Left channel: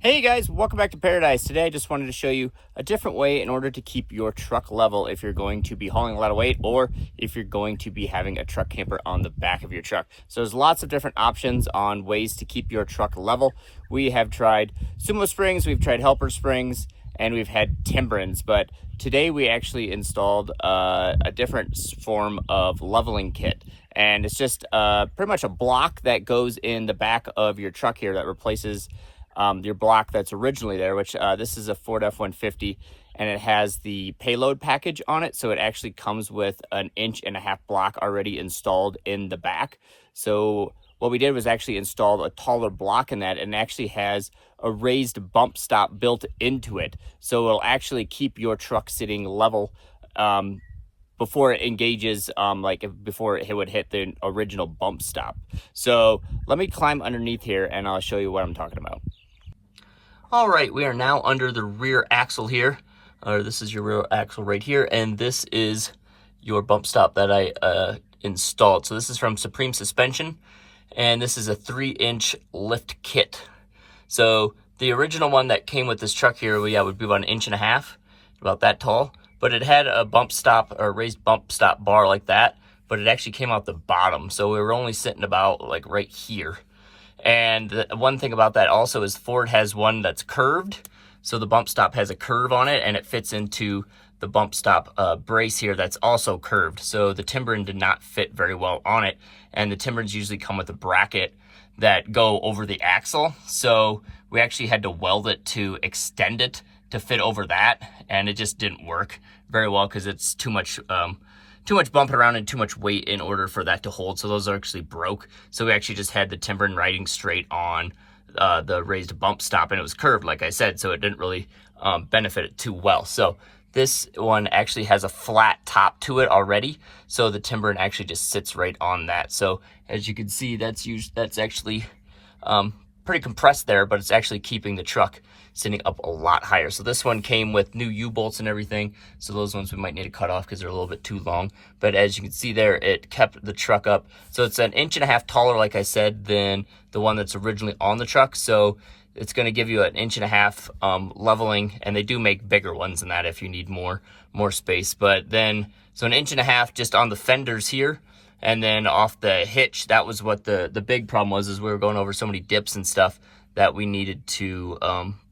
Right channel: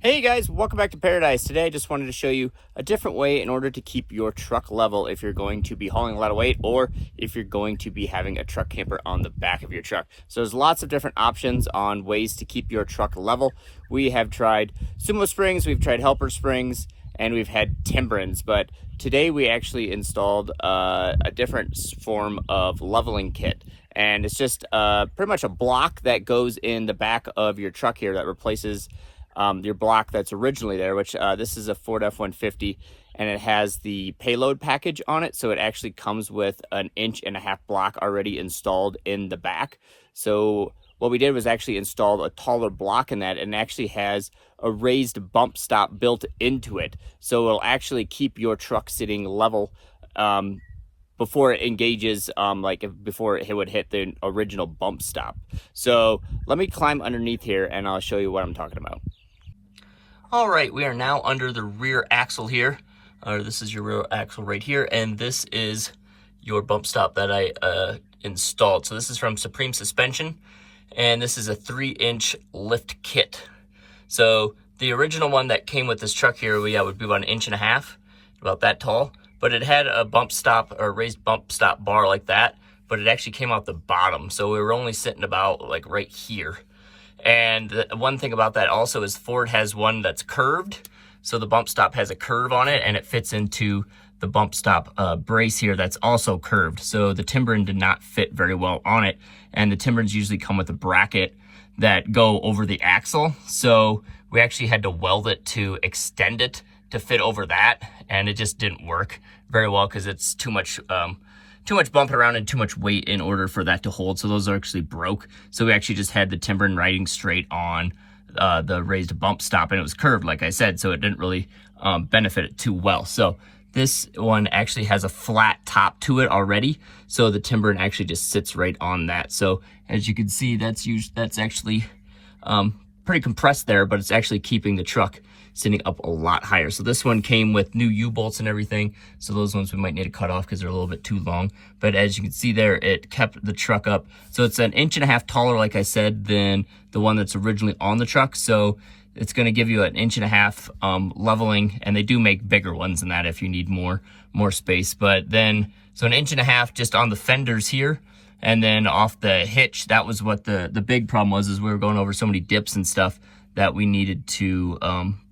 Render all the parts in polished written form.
Hey guys, welcome back to Paradise. Today I just wanted to show you a different way in order to keep your truck level if you're going to be hauling a lot of weight or if you're going to be having a truck camper on the back of your truck. So there's lots of different options on ways to keep your truck level. We have tried Sumo Springs, we've tried Helper Springs, and we've had Timberens, but today we actually installed a different form of leveling kit. And it's just pretty much a block that goes in the back of your truck here that replaces your block that's originally there, which this is a Ford F-150, and it has the payload package on it. So it actually comes with an 1.5-inch block already installed in the back. So what we did was actually install a taller block in that, and actually has a raised bump stop built into it. So it'll actually keep your truck sitting level before it engages, before it would hit the original bump stop. So let me climb underneath here and I'll show you what I'm talking about. All right, we are now under the rear axle here. This is your rear axle right here, and this is your bump stop that I installed. So this is from Supreme Suspension, and this is a 3-inch lift kit. So the original one that came with this truck here, would be about 1.5 inches, about that tall. But it had a bump stop or raised bump stop bar like that, but it actually came out the bottom. So we were only sitting about like right here. And one thing about that also is Ford has one that's curved. So the bump stop has a curve on it, and it fits into the bump stop brace here that's also curved. So the Timberen did not fit very well on it. And the Timberens usually come with a bracket that go over the axle. So we actually had to weld it to extend it to fit over that. And it just didn't work very well because it's too much bumping around and too much weight in order for that to hold. So those are actually broke. So we actually just had the Timberen riding straight on the raised bump stop, and it was curved, like I said, so it didn't really benefit it too well. So this one actually has a flat top to it already. So the Timberen actually just sits right on that. So as you can see, that's actually pretty compressed there, but it's actually keeping the truck sitting up a lot higher. So this one came with new U-bolts and everything. So those ones we might need to cut off because they're a little bit too long. But as you can see there, it kept the truck up. So it's 1.5 inches taller, like I said, than the one that's originally on the truck. So it's going to give you 1.5 inches leveling, and they do make bigger ones than that if you need more space. But then, so 1.5 inches just on the fenders here, and then off the hitch. That was what the big problem was, is we were going over so many dips and stuff that we needed to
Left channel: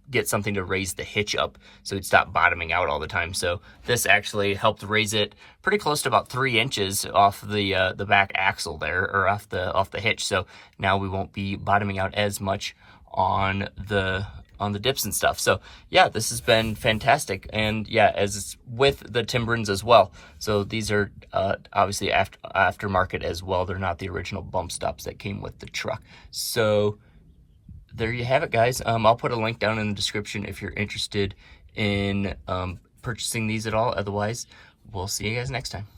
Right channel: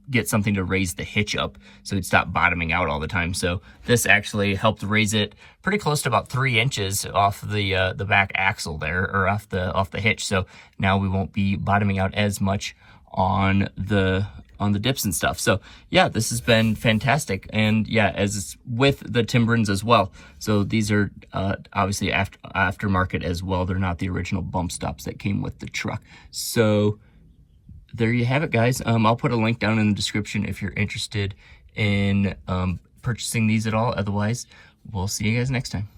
get something to raise the hitch up so it'd stop bottoming out all the time. So this actually helped raise it pretty close to about 3 inches off the back axle there, or off the hitch. So now we won't be bottoming out as much on the dips and stuff. So yeah, this has been fantastic. And yeah, as with the Timberens as well. So these are obviously aftermarket as well. They're not the original bump stops that came with the truck. So there you have it, guys. I'll put a link down in the description if you're interested in purchasing these at all. Otherwise, we'll see you guys next time.